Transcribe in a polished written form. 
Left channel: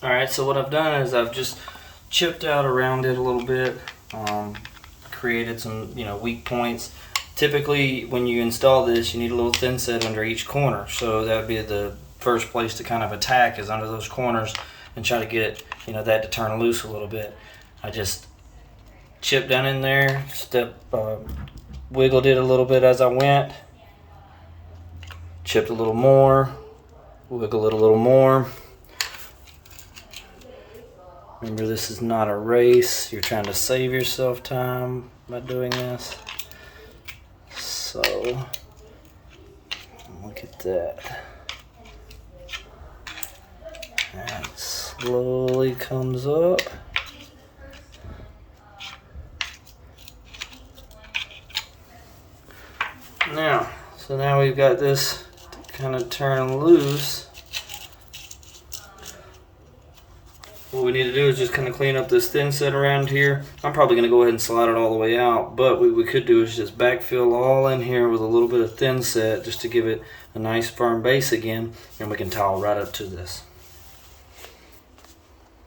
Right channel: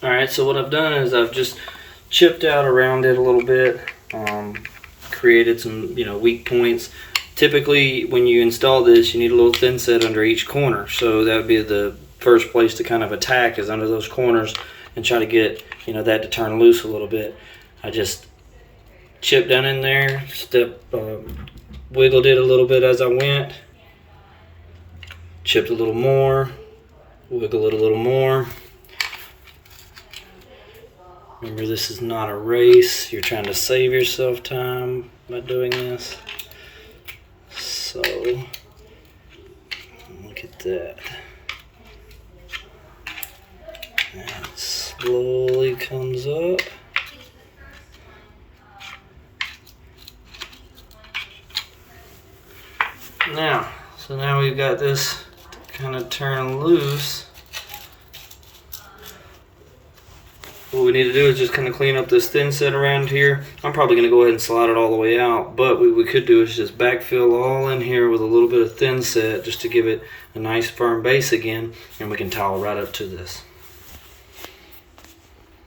Alright, so what I've done is I've just chipped out around it a little bit, created some, weak points. Typically, when you install this, you need a little thin set under each corner. So that would be the first place to kind of attack, is under those corners, and try to get, that to turn loose a little bit. I just chipped down in there, wiggled it a little bit as I went, chipped a little more, wiggle it a little more. Remember, this is not a race. You're trying to save yourself time by doing this. So, look at that. And it slowly comes up. Now we've got this kind of turn loose. What we need to do is just kind of clean up this thin set around here. I'm probably going to go ahead and slide it all the way out, but what we could do is just backfill all in here with a little bit of thin set just to give it a nice firm base again, and we can towel right up to this.